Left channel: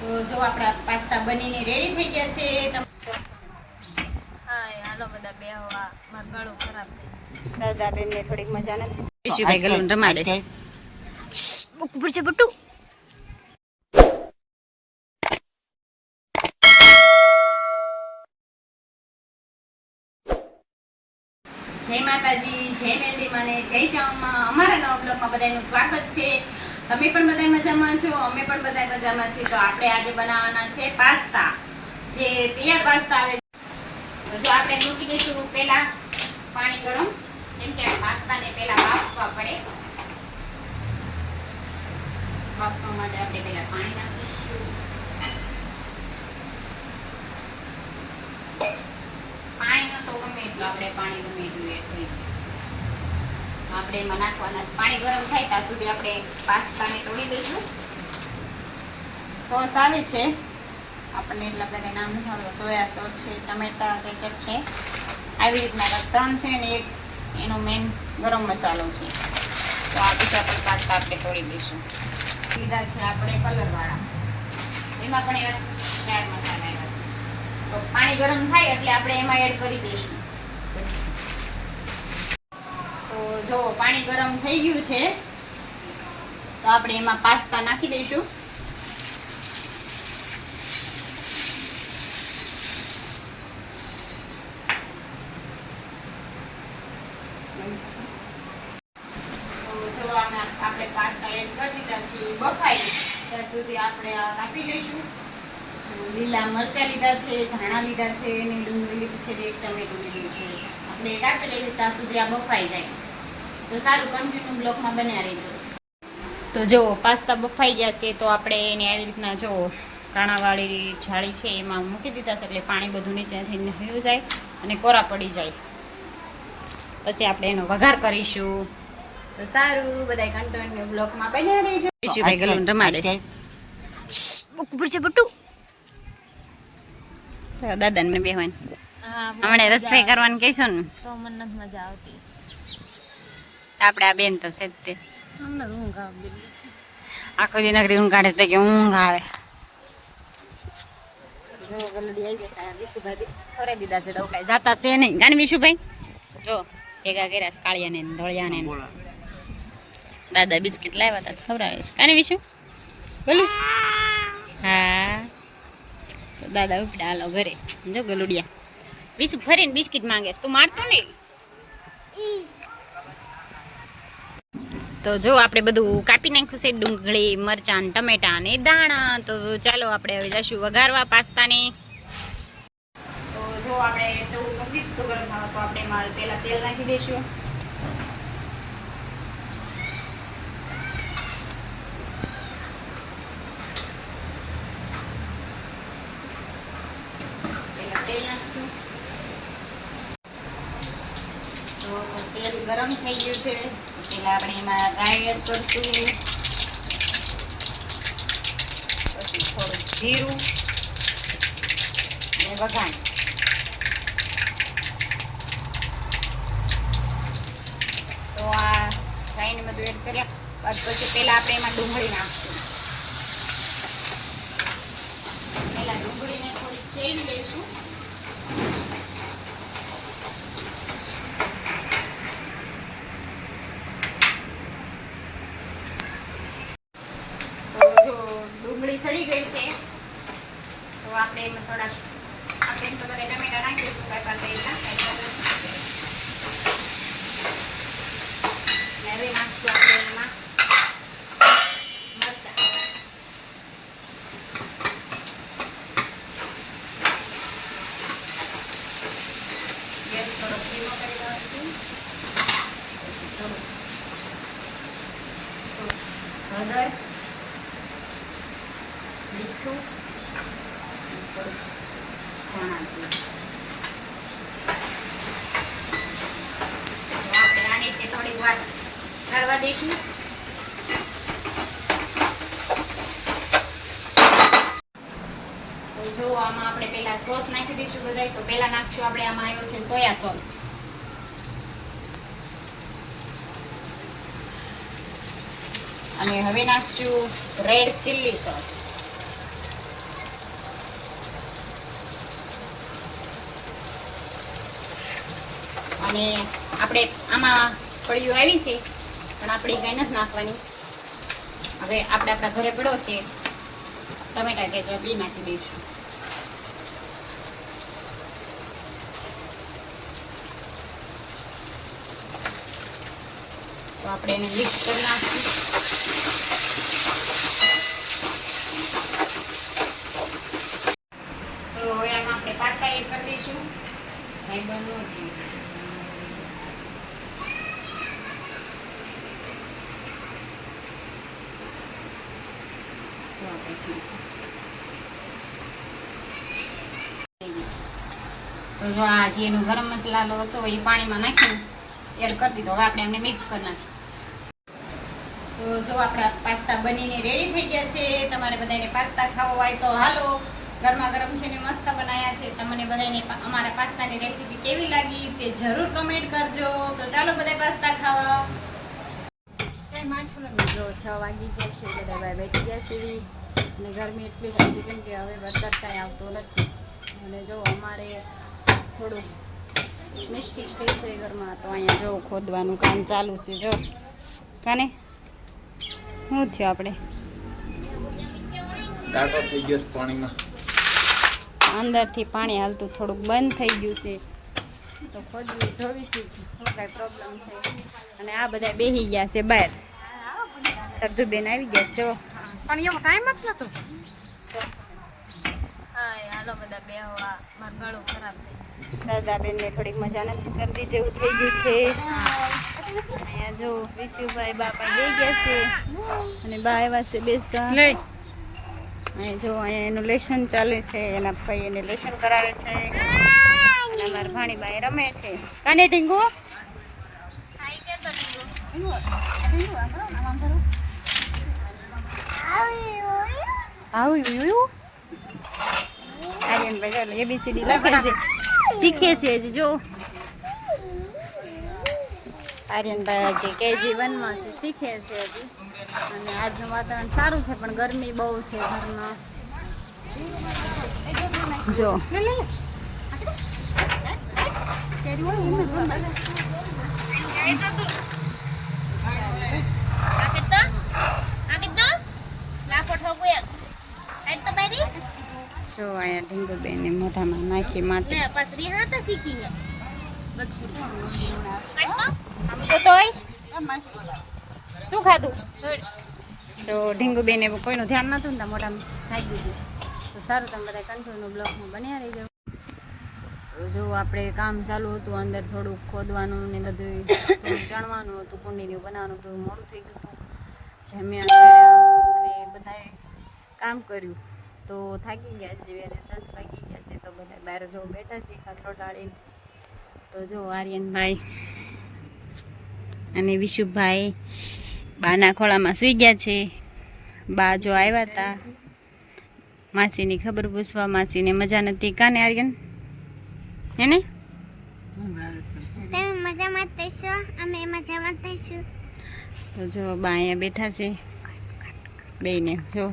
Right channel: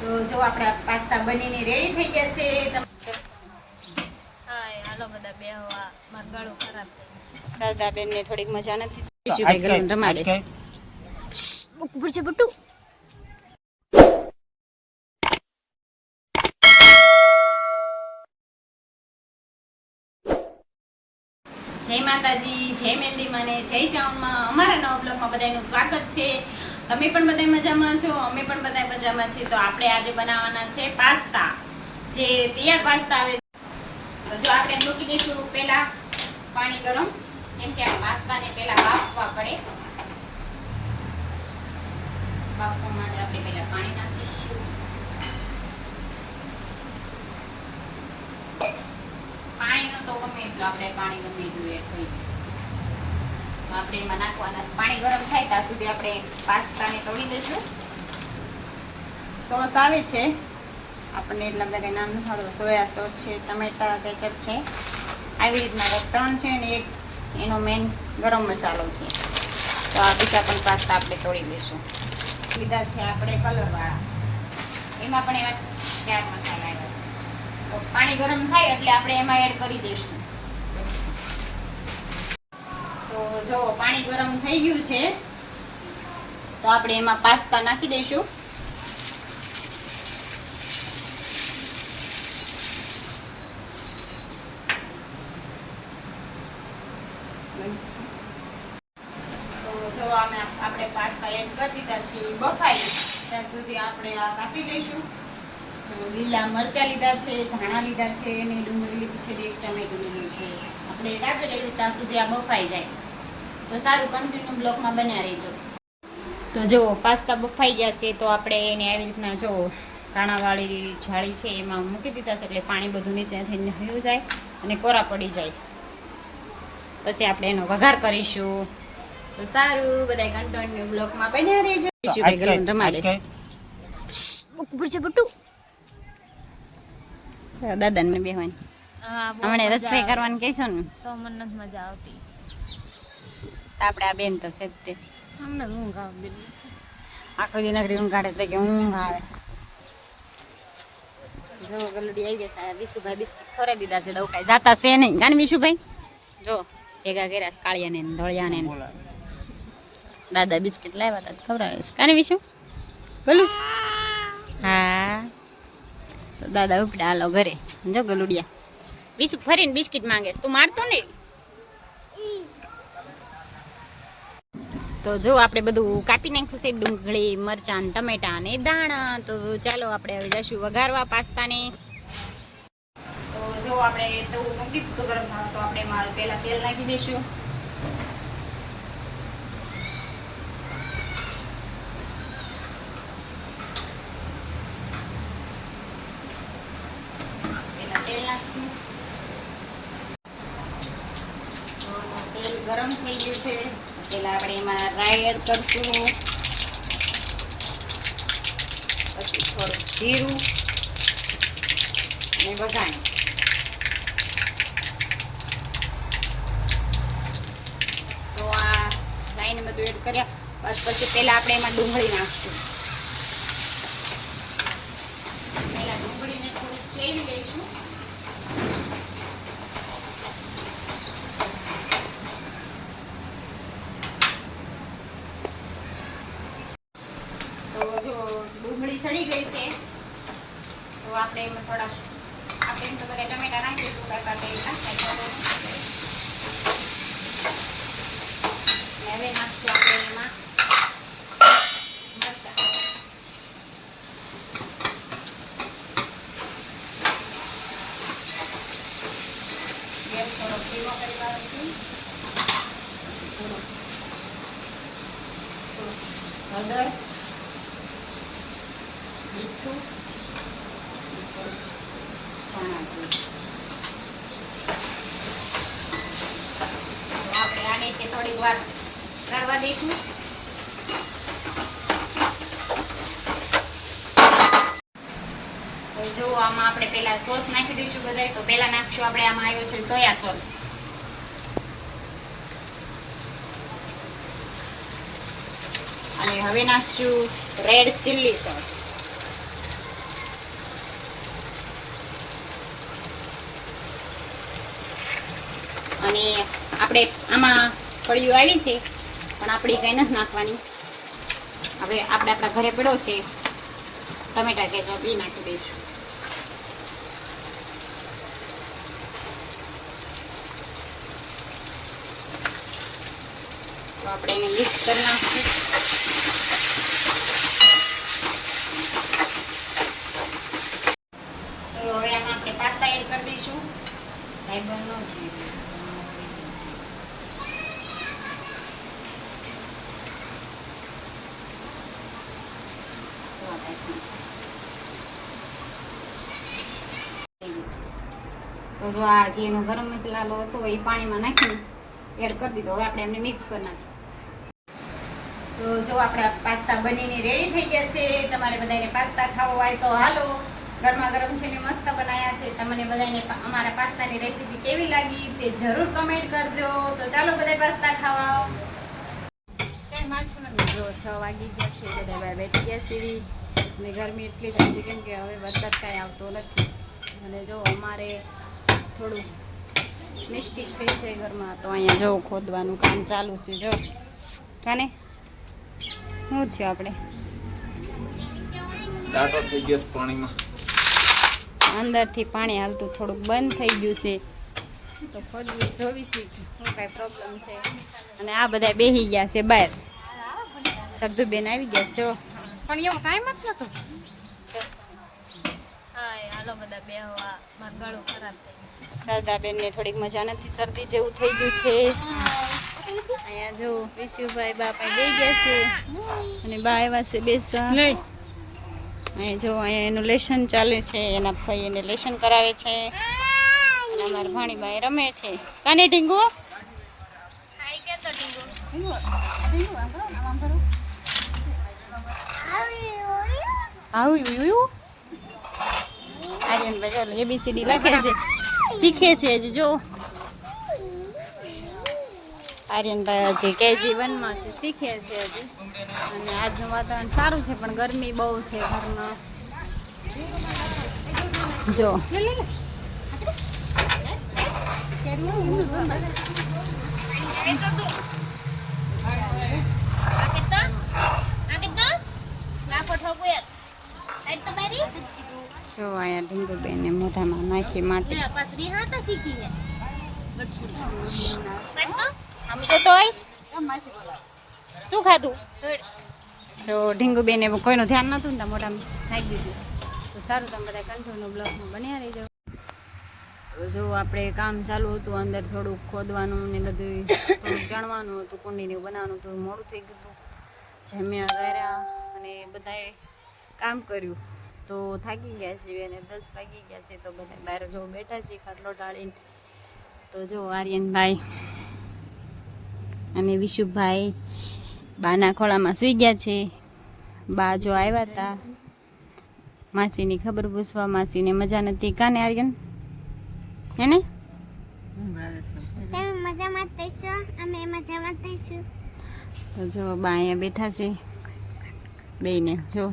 તો જો આપણા પાસ્તા બનીને રેડી થઈ ગયા છે હાય હાલો બધા બે હવા મારું ગળું ખરાબ થઈ સરદારબેન ને થોડીક મજા નથી. ઈશુભાઈ ગલું રમાડે છે. બુક પડશે બટુ જય માતાજી જય મેલી ને જય ચાઉમાં અમારા નવા બ્લોગમાં બધાનું સ્વાગત છે. તમે પણ બધા મજામાં છો અમે પણ બધા મજામાં છીએ. તો આપણે આજે બનાવવાના છે પાસ્તા. જે તૈયાર પાસ્તા આવે જો આપણે મૂકી દઈશું પહેલા પાણી ગરમ, કેમ કે આ પાસ્તાને પહેલા બાફવા પડે. બાફવા માટે આપણે પહેલા પાણી નાખીશું. પાણીનો તો ગમે એટલું, આપણે પાણી ગમે એટલું એડ કરીશું. આપણે એમાં નાખવાના પાણી ગરમ થાય ત્યાં સુધી આપણે પાસ્તાને તોડી દઈશું સોસ આવે છે. આપણને એટલા બધા નામ નથી સોયા સોસ છે, ટમેટા કેચપ છે. આવી રીતના ત્રણ છે અને એક એનો મેન ગરમ મસાલો છે. તો આ બીજા પણ પાસ્તા આપણે તોડી દઈશું લીધા છે આપણે કલરવાળા. એમાં પણ એવા ચાર મસાલા આવ્યા છે. તો પાણી ગરમ થાય એટલે આપણે એમાં એડ કરી દઈશું. તો જો પાણી ગરમ થઈ ગયું છે, તો આપણે એમાં પાસ્તા નાખી દઈશું. આપણે પાસ્તા એડ કરી દીધા છે બફાઈ. ત્યાં સુધી આપણે આ કાપી લઈશું. લીલા મરચાં લીધા છે, ધાણા લીધા છે, ને ડુંગળી લીધી લીધું છે. આપણે કાપી લઈશું, ત્યાં સુધી આ બફાઈ જાય. તો સારું કન્ટિન્યુ બ્લોકમાં બન્યા રહેજો. તો જો પાસ્તા બફાઈ ગયા છે તો આપણે એને આવી રીતના જો કાણાવાળી જાળી છે એમાં મૂકી દીધા છે એટલે પાણી બધું નીચે થઈને હયું જાય અને કોરા પડી જાય. પછી આપણે એનો વઘાર કરીશું. તો સારું બધા કન્ટિન્યુ બ્લોકમાં બન્યા રહેજો. ઈશુભાઈ ગલું રમાડે છે. બુક પડશે બટુ દાદાને બેહવાની હમણાં રસોઈ. કરવાનું કહીશું ને. તો મને નથી મજા આવતી. આપણે આ બેન તો છે જ તે. આખો દી નગરી ઊંઘ કાઢે તો કે ઊંઘ આવે. જો ગલડી આવી ગયા વિશુભાઈ બિસ્કિટ ખોરાક દીધા છે ડવકાઈ જાતા છે નહીં. ગાણ વિશુભાઈ? જો ભેગા કર્યા છે કાળિયાને ધોળિયાને દાદા બિસ્કિટ લાવ્યા હતા તો ખવડાવે છે. કાને વિશુ? ગલું હા. તો દાદા ઉપડા હાલો ઘરે. જો ગલુડિયા. વિશુ ફરીને બિસ્કિટ માંગે તું મારતો નહીં? તો જો આપણે બધું કાપી નાખ્યું છે, ડુંગળી, મરચાં ટમેટા ટમેટાં ને દાણા તો ચાલો આપણે હવે જઈશું વઘારવા પાસ્તાને. તો જો આપણે તો મૂકી દીધું ગરમ થવા તો આપણે માલ પહેલા તેલ નાખી દઈશું. તેલ ગરમ થઈ ગયું છે. તો પહેલા આપણે એમાં રાઈ કરશું. પછી થોડું જીરું અને વઘાણ. તો આ રાઈને બધું એડ કર્યા. પછી પહેલાં આપણે એમાં ડુંગળી નાખશું પહેલા ડુંગળીને થોડી શેરી લઈશું તો જો ડુંગળી સડી ગઈ છે તો આપણે એમાં થોડાક આપણે એમ તો બધા ટમેટા નાખી દઈશું કાંઈ પાસે નાખાય તો ને હવે નાખશું આપણે એમાં મરચાં ગેસ થોડો ધીમો કરી નાખીશું થોડું થોડું હળદર મીઠું અને થોડું જો આમાં આપણે પહેલા સોસ નાખી દઈશું બધાય તો પહેલા નાખશું આપણે આમાં આવ્યો છે સોયા સોસ અને હવે નાખશું રેડ ચીલી સોસ અને આપણે આમાં કળિયું આવી છે, પણ આપણે કંઈ નથી નાખવાની. હવે આપણે આપણા ઘરે પડ્યો છે, ટમેટા કેચપ બી નાખી દઈશું. તો આપણે એને મિક્સ કરી નાખીશું તો હવે આમાં આપણે પાસ્તા એડ કરી દઈશું ભાઈ બંધ ન થયું. તો જો આ જે એનો ગરમ મસાલો હતો એ પાણીમાં નાખીને એડ કરી દીધો. હવે આપણે એમને મિક્સ કરી નાખીશું. તો જો આપણા પાસ્તા બનીને રેડી થઈ ગયા છે. તમારે બધાને પાસ્તા ખાવો હોય તો હાલો, ગરમા ગરમ છે ને મસ્ત બનાવ્યા છે. તમને બધાને અમારા પાસ્તાની રેસીપી કેવી લાગી તે જરૂર કમેન્ટ કરજો. તો ચાલો બધા પાસ્તા ખાવા. જો છ વાગી ગયા છે. બધા બેઠી ગયા છે. અને ગરમી એટલી થાય છે કેમ કે હવે વરસાદ કાંઈ આવતો નથી. અને જો અમારે થોડું મિસ્ટેક થઈ છે ઘરમાં તો અહીંયા જો ખોદવાનું કામ ચાલુ છે જો. કાને? શું થયું આપણે? અંદરથી પાણી હાલતું થોડુંક બંધ થઈ ગયું છે. તો ખોદવી જોવી છે. શું કાંઈ પ્રોબ્લેમ છે? અને આ બધા બેસી ગયા છે બહાર. સરધુબેન આવી ગયા છે જો. પણ એવો ટાઈમ જ નતો. હાય હાલો બધા બે હવા મારું ગળું ખરાબ થઈ ગયું. સરદાબેનને થોડીક મજા નથી શરદી જેવું થઈ ગયું છે. અહીંયા જો વિશુભાઈ બાપા બે ગયા છે અને બા આવ્યા છે બેસવા. અહીં જો અહીંયા એનું લેશન ચાલે છે એના ભાઈ એને લેશન કરાવે છે. અને અમારા ભાણીબાઈ રમે છે. કાને ટીંગુ ટીંગુ આવું યુયું આર્યનભાઈ ચલો એબીસીડી લખે છે. શીખે છે જ. જો આર્યનભાઈ હજી કેજી વનમાં છે શીખે છે હજી. અને આજનું વાતાવરણ સારું છે પણ ગરમી બહુ છે ઘરમાં. જો. ના પઠો ગયા જો અહીંયા ઢીંગુબેને મોઢામાં નાખી માટી. શું ખાધું? જો જો ઢીંગુબેને કોઈનું ધ્યાન નતું ને મોઢામાં નાખી દીધું. તો સારું તમે બધા કન્ટિન્યુ બ્લોકમાં બન્યા રહી જાઓ જો આપણે કામ ચાલુ હતું અંદર થોડુંક ખોદવાનું ને બધું થોડુંક જાણવાનું હતું કુંડીને બનાવવાનું હતું મોડું થઈ ગયું હતું. જમ્યા અને બધાએ કામ કર્યું. તો થાકી ગયા છે અને દસ વાગી ગયા છે તો બધા બહાર જો બેઠા છે ખાટલો ટાળીને તો જો આર્યનભાઈ અને વિશુભાઈ બાના ખોળામાં સૂઈ ગયા છે. બા જો આવ્યા હતા. માસીની ખબર પૂછવા માસીને મજા નથી. કાને આર્યન? હેને? તમે મજામાં થઈશો અમે મજામાં થઈશું. તો જો બા અહીંયા બેઠા છે. બેયને જો.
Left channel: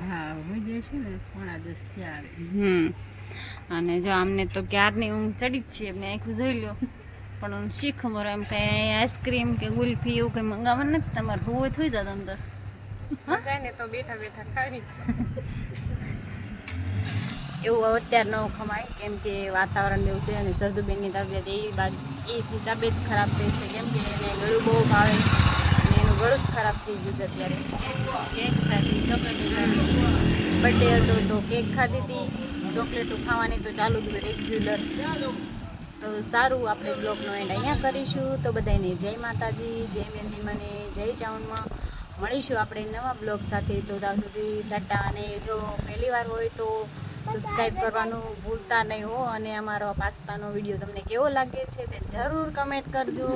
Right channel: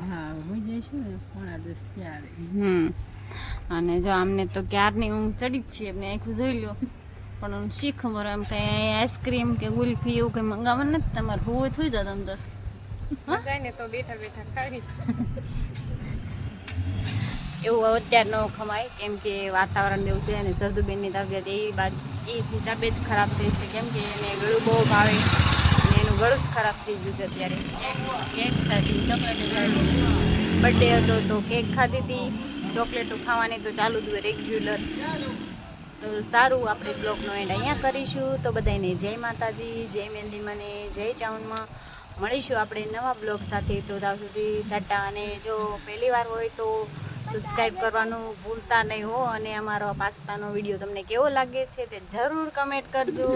હમ. અને જો આમને તો ક્યારની ઊંઘ ચડી જ છે એમને આખું જોઈ લો. પણ હું શીખ ખબર એમ કંઈ આઈસ્ક્રીમ કે ગુલ્ફી એવું કંઈ મંગાવવાનું નથી તમારે હોવું થઈ જાત અંદર તો. બેઠા બેઠા ખાવી. એવું અત્યારે ન ખમાય કેમ કે વાતાવરણ એવું છે અને સરદુબેનની તબિયત એ બાદ એ હિસાબે જ ખરાબ થઈ છે. કેમ કે એને ગળું બહુ ભાવે. એનું ગળું જ ખરાબ થઈ ગયું છે અત્યારે. બર્થડે હતો તો કેક ખાધી હતી. ચોકલેટો ખાવાની તો ચાલુ જ રેગ્યુલર તો સારું આપણે બ્લોગનો એન્ડ અહીંયા કરીશું. તો બધાને જય માતાજી, જય મેંદી મને જય ચાઉનમાં. મળીશું આપણે નવા બ્લોગ સાથે. તો ત્યાં સુધી ટાટા. અને જો પહેલી વાર હોય તો સબસ્ક્રાઈબ કરવાનું ભૂલતા નહીં હો. અને અમારો પાસ્તાનો વીડિયો તમને કેવો લાગે છે તે જરૂર કમેન્ટ કરજો.